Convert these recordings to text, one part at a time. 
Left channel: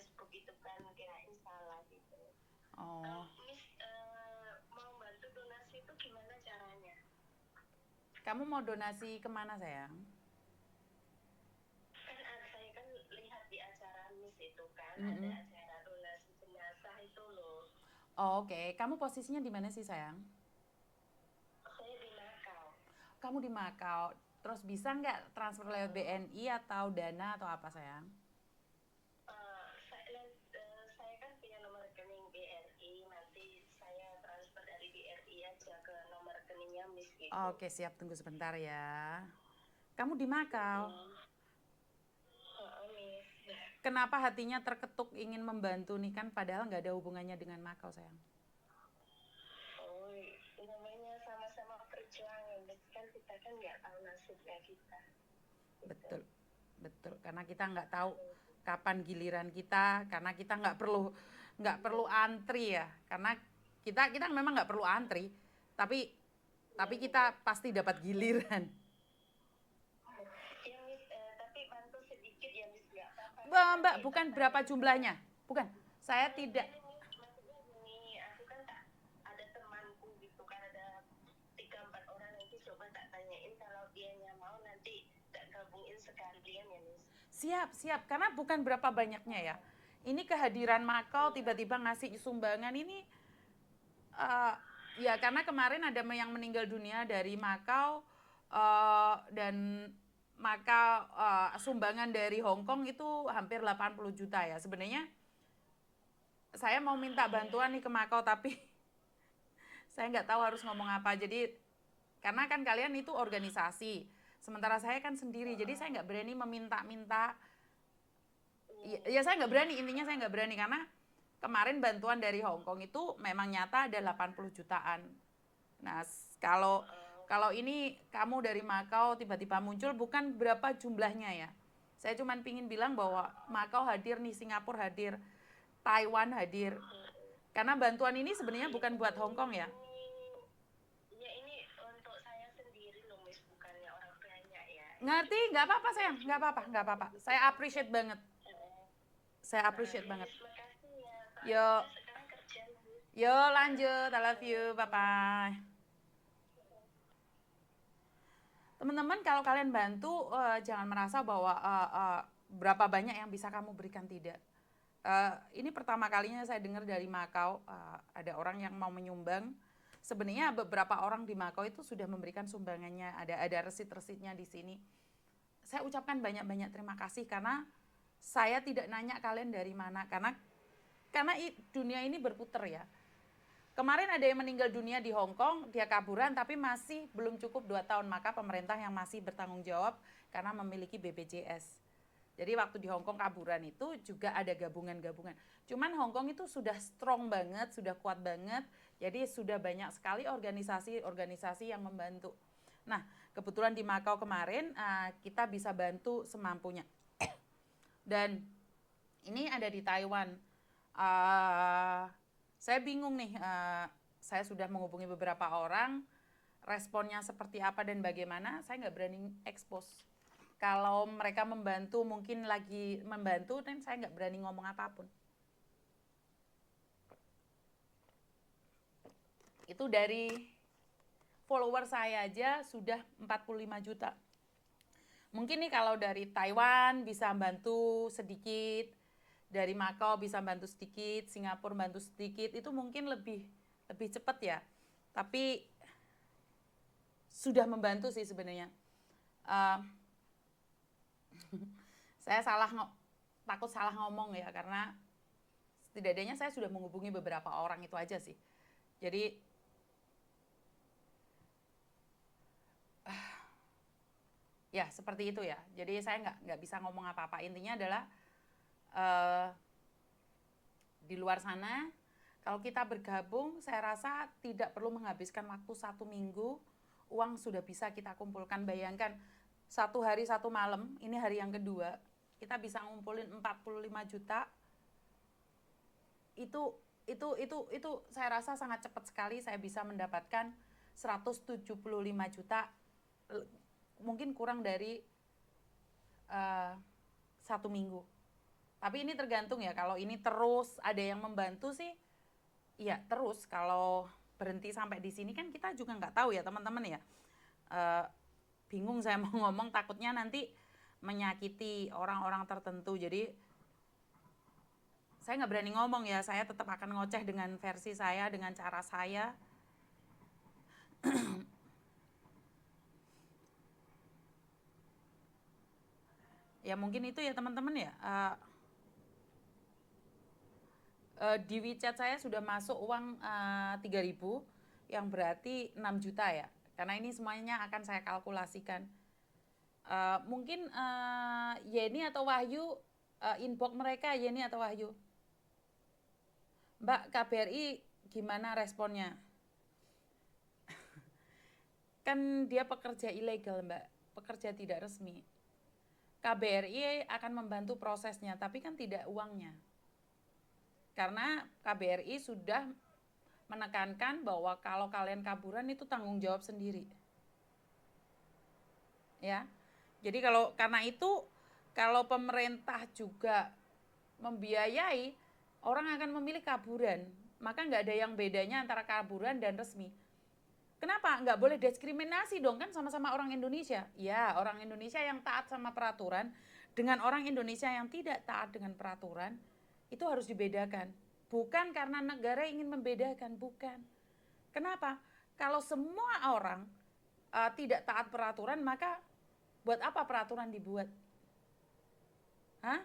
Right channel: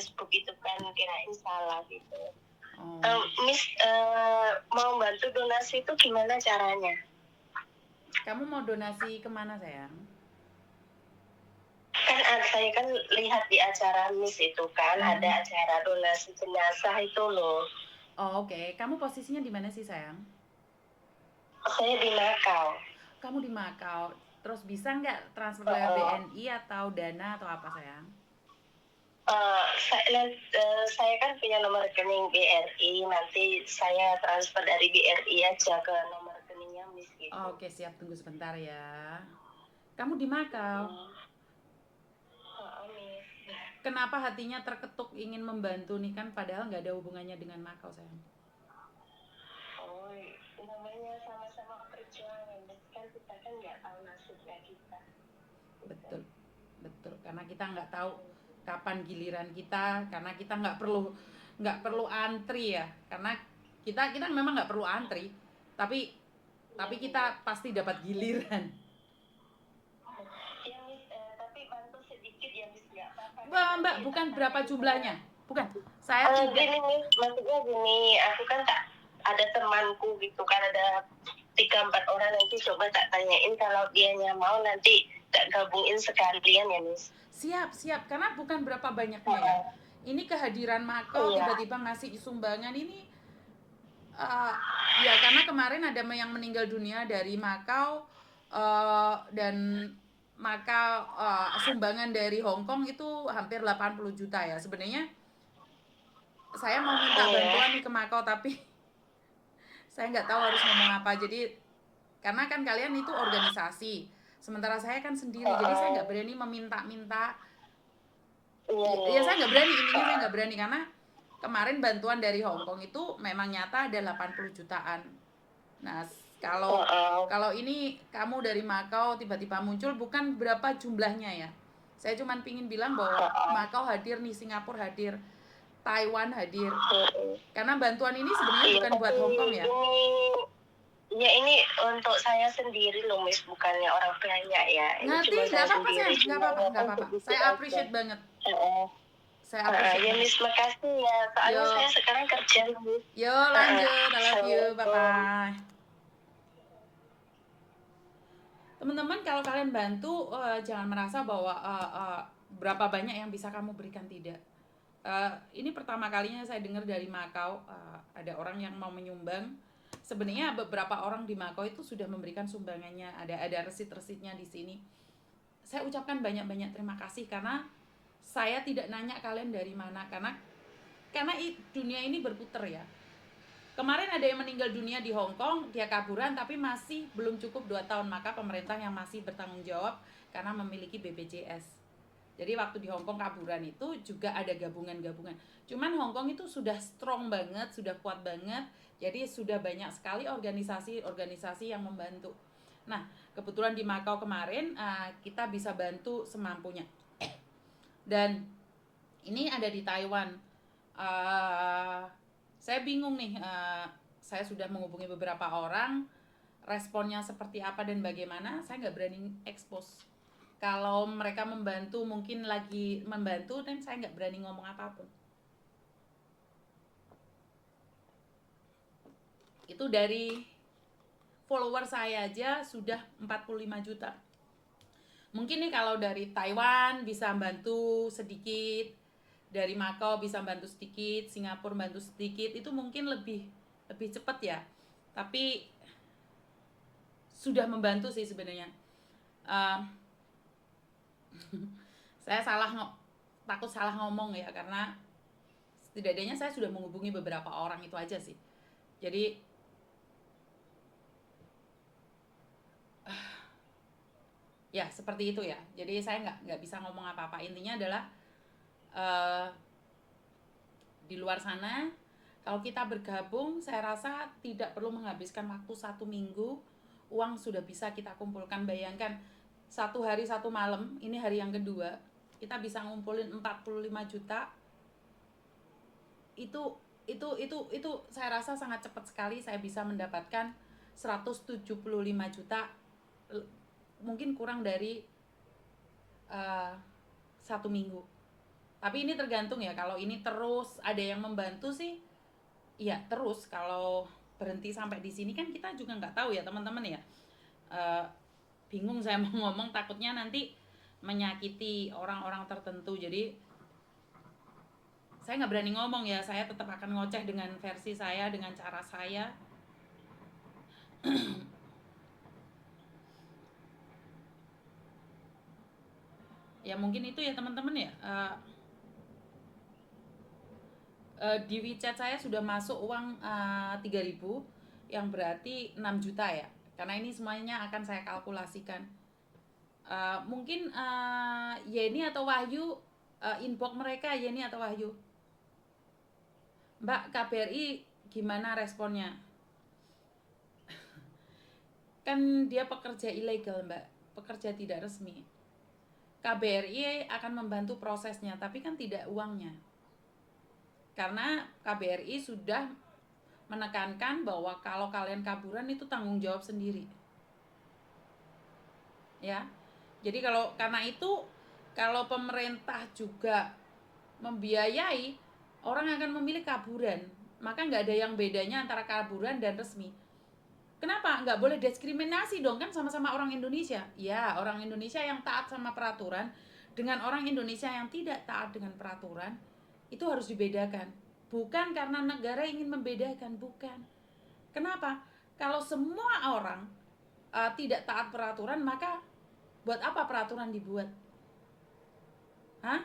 Facebook itu kan, kirain salah gitu. Oh, Miss mau bantu donasi itu gimana caranya? kamu mau donasi kemana sayang? Kan saya kan lihat di acara Miss itu kan ada acara donasi jenazah itu loh. Oh, oke. Kamu posisinya di mana sih sayang? Saya di Macau. Kamu di Makau. Terus bisa nggak transfer lewat Uh, BNI atau Dana atau apa sayang? saya kan punya nomor rekening BRI, nanti saya transfer dari BRI aja ke nomor rekeningnya Miss gitu. Oke, siap. Tunggu sebentar ya. Kamu di Makau. Miss. Kenapa hatinya terketuk ingin membantu nih kan padahal nggak ada hubungannya dengan Makau sayang? Oh, namanya sama-sama perjuangan, kan kita kan nggak tahu nasibnya kita. Gitu. Betul, betul. Karena kita nggak tahu kapan giliran kita, karena kita nggak perlu antri ya. Karena kita memang nggak perlu antri, tapi kita pasti dapat giliran. Ya Miss, tapi bantu sedikit ya Miss, nggak apa-apa kan Mbak, nanti tak bukan berapa tanyain sama. jumlahnya? Bukan. Saya tidak. Gini Miss, maksudnya gini, aku kan tak ada temanku gitu kan, ada 3-4 orang, nanti coba tak tanyain kalau dianya mau nanti tak gabungin sekalian ya Miss. Siap, siap. Karena bukan berapa banyaknya ya. Ini kehadiran Makau Iya. tiba-tiba ngasih sumbangan ini eh, ya karena kemarin ada yang meninggal dunia dari Makau dan Makau sumbangan dari Hong Kong itu hampir 80 juta ya. Sebenarnya saya mau minta Iya. bantuan nih ke Makau tapi saya nggak tahu harus ngomong apa. Jadi karena kan kalian itu organisasi, sementara saya kan sendiri. Jadi saya nggak berani meminta-minta. Iya Ya saya Miss. nggak berani, intinya saya nggak berani karena kemarin bantuan dari Hong Kong itu memang nyata ada 80 jutaan. Nah, kalau kalau ini kamu dari Makau tiba-tiba muncul bukan berapa jumlahnya ya. Saya cuma pingin bilang bahwa Makau hadir nih, Singapura hadir, Taiwan hadir. Karena bantuan ini sebenarnya Iya, bukan buat tapi Hong Kong ya. ini untuk saya sendiri loh Miss, bukannya orang banyak ya. Ini cuma Ngerti? Nggak saya apa-apa sendiri, sayang, nggak cuma apa-apa, nggak apa-apa. sedikit Saya aja. appreciate banget. Heeh. Saya appreciate Ya banget. Miss, makasih ya. Soalnya Yo, saya sekarang kerja Miss. yo lanjut. I love you. Bye Assalamualaikum. bye. Teman-teman kalau kalian bantu jangan merasa bahwa berapa banyak yang bisa kamu berikan, tidak. Ini pertama kalinya saya dengar dari Makau ada orang yang mau menyumbang. Sebenarnya beberapa orang di Makau itu sudah memberikan sumbangannya, ada resit-resitnya di sini. Saya ucapkan banyak-banyak terima kasih karena saya tidak nanya kalian dari mana, karena dunia ini berputar ya. Kemarin ada yang meninggal dunia di Hong Kong, dia kaburan tapi masih belum cukup 2 tahun, maka pemerintah yang masih bertanggung jawab karena memiliki BPJS. Jadi waktu di Hong Kong kaburan itu juga ada gabungan-gabungan. Cuman Hong Kong itu sudah strong banget, sudah kuat banget. Jadi sudah banyak sekali organisasi-organisasi yang membantu. Nah, kebetulan di Makau kemarin kita bisa bantu semampunya. Dan ini ada di Taiwan. Saya bingung nih, saya sudah menghubungi beberapa orang, responnya seperti apa dan bagaimana, saya nggak berani expose. Kalau mereka membantu, mungkin lagi membantu, dan saya nggak berani ngomong apapun. Itu dari follower saya aja sudah 45 juta. Mungkin nih kalau dari Taiwan bisa bantu sedikit, dari Makau bisa bantu sedikit, Singapura bantu sedikit, itu mungkin lebih lebih cepat ya. Tapi sudah membantu sih sebenarnya. Uh, saya takut salah ngomong ya, karena setidaknya saya sudah menghubungi beberapa orang itu aja sih. Jadi ya seperti itu ya. Jadi saya nggak bisa ngomong apa-apa. Intinya adalah uh, di luar sana kalau kita bergabung, saya rasa tidak perlu menghabiskan waktu 1 minggu, uang sudah bisa kita kumpulkan. Bayangkan 1 hari 1 malam, ini hari yang kedua, kita bisa ngumpulin 45 juta. Itu saya rasa sangat cepat sekali. Saya bisa mendapatkan 175 juta, mungkin kurang dari 1 minggu. Tapi ini tergantung ya, kalau ini terus ada yang membantu sih, ya terus. Kalau berhenti sampai di sini kan kita juga nggak tahu ya teman-teman ya. Eh, Bingung saya mau ngomong, takutnya nanti menyakiti orang-orang tertentu. Jadi saya nggak berani ngomong ya, saya tetap akan ngoceh dengan versi saya, dengan cara saya. Ya mungkin itu ya teman-teman ya. Di WeChat saya sudah masuk uang 3.000, yang berarti 6 juta ya. Karena ini semuanya akan saya kalkulasikan. Mungkin Yeni atau Wahyu, inbox mereka Yeni atau Wahyu. Mbak, KBRI gimana responnya? Kan dia pekerja ilegal, Mbak, pekerja tidak resmi. KBRI akan membantu prosesnya, tapi kan tidak uangnya. Karena KBRI sudah menekankan bahwa kalau kalian kaburan itu tanggung jawab sendiri. Ya. Jadi karena itu kalau pemerintah juga membiayai, orang akan memilih kaburan. Maka nggak ada yang bedanya antara kaburan dan resmi. Kenapa? Nggak boleh diskriminasi dong, kan sama-sama orang Indonesia. Ya, orang Indonesia yang taat sama peraturan dengan orang Indonesia yang tidak taat dengan peraturan, itu harus dibedakan. Bukan karena negara ingin membedakan, bukan. Kenapa? Kalau semua orang tidak taat peraturan, maka buat apa peraturan dibuat? Hah?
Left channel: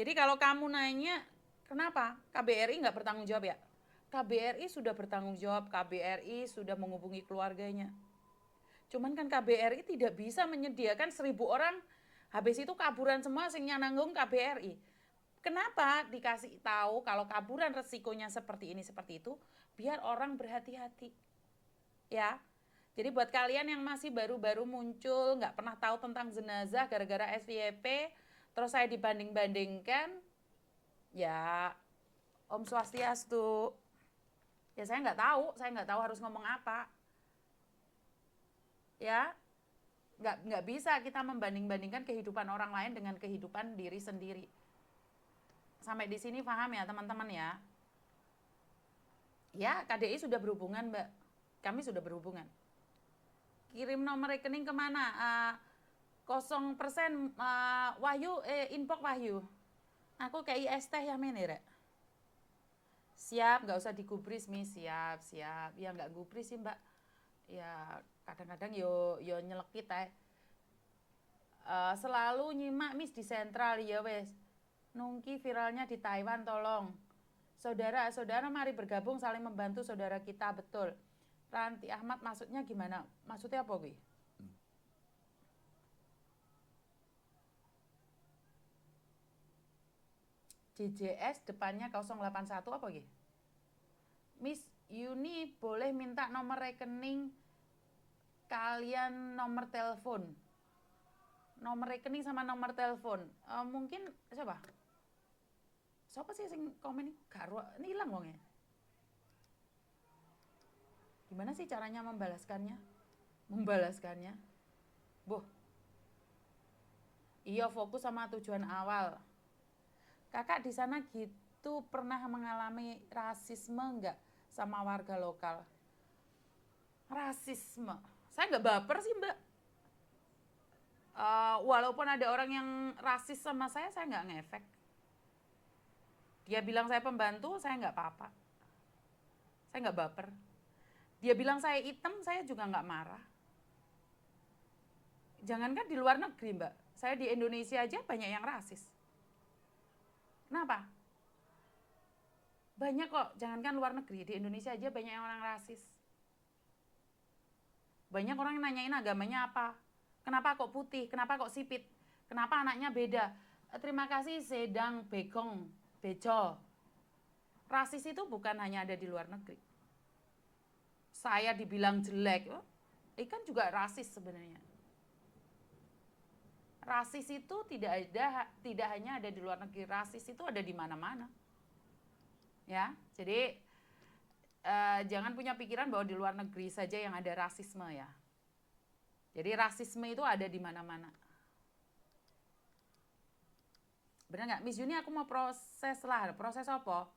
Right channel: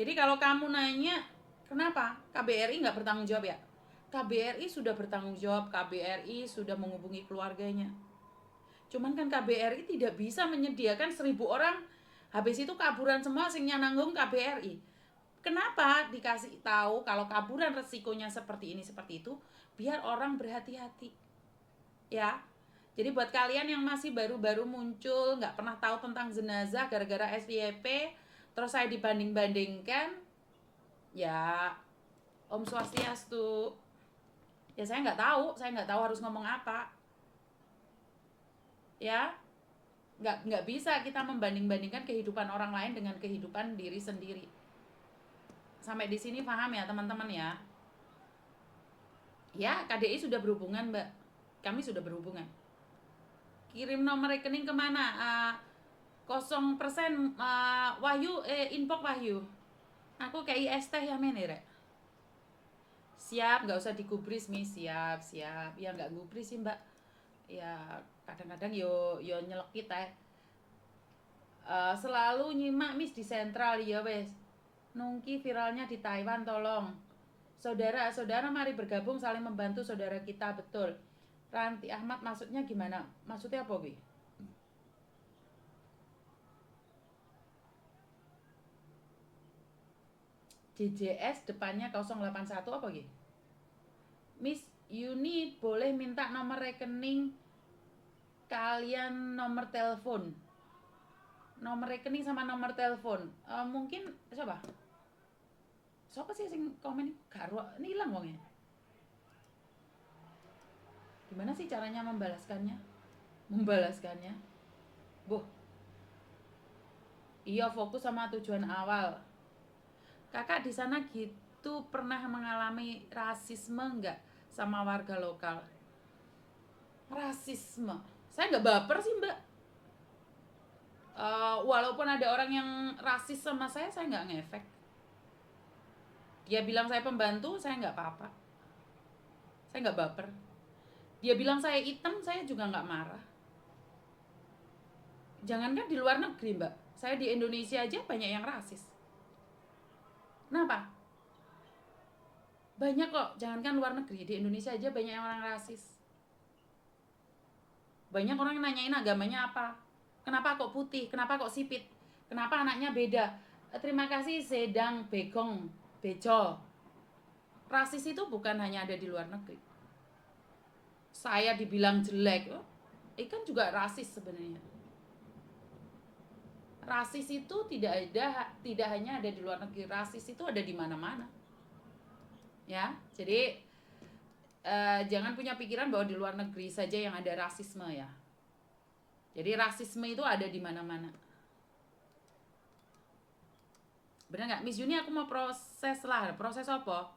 Jadi kalau kamu nanya, kenapa KBRI nggak bertanggung jawab ya? KBRI sudah bertanggung jawab, KBRI sudah menghubungi keluarganya. Cuman kan KBRI tidak bisa menyediakan 1.000 orang, habis itu kaburan semua sing nanggung KBRI. Kenapa dikasih tahu kalau kaburan resikonya seperti ini, seperti itu, biar orang berhati-hati. Ya, jadi buat kalian yang masih baru-baru muncul, nggak pernah tahu tentang jenazah gara-gara SYP, terus saya dibanding-bandingkan, ya Om Swastiastu. Ya saya nggak tahu harus ngomong apa. Ya, nggak bisa kita membanding-bandingkan kehidupan orang lain dengan kehidupan diri sendiri. Sampai di sini paham ya teman-teman ya? Ya, KDI sudah berhubungan, Mbak. Kami sudah berhubungan. Kirim nomor rekening kemana? 0% Wahyu, inbox Wahyu. Aku kayak IS teh ya menere. Siap, nggak usah digubris mi, siap. Ya nggak gubris sih Mbak. Ya kadang-kadang yo nyelekit selalu nyimak mis di sentral ya wes. Nungki viralnya di Taiwan tolong. Saudara-saudara mari bergabung saling membantu saudara kita, betul. Ranti Ahmad maksudnya gimana? Maksudnya apa, Bi? JJS depannya 081 apa gitu? Miss Yuni boleh minta nomor rekening kalian, nomor telepon. Nomor rekening sama nomor telepon. Mungkin siapa? Siapa sih yang komen ini? Karo ini hilang wongnya. Gimana sih caranya membalaskannya? Membalaskannya. Buh. Iya, fokus sama tujuan awal. Kakak di sana gitu pernah mengalami rasisme nggak sama warga lokal? Rasisme? Saya nggak baper sih Mbak. Walaupun ada orang yang rasis sama saya nggak ngefek. Dia bilang saya pembantu, saya nggak apa-apa. Saya nggak baper. Dia bilang saya hitam, saya juga nggak marah. Jangankan di luar negeri Mbak, saya di Indonesia aja banyak yang rasis. Kenapa? Banyak kok, jangankan luar negeri, di Indonesia aja banyak yang orang rasis. Banyak orang yang nanyain agamanya apa, kenapa kok putih, kenapa kok sipit, kenapa anaknya beda. Terima kasih Sedang Begong Bejo. Rasis itu bukan hanya ada di luar negeri. Saya dibilang jelek, kan juga rasis sebenarnya. Rasis itu tidak hanya ada di luar negeri, rasis itu ada di mana-mana. Ya, jadi jangan punya pikiran bahwa di luar negeri saja yang ada rasisme ya. Jadi rasisme itu ada di mana-mana. Bener nggak? Miss Juni aku mau proses lah. Proses apa?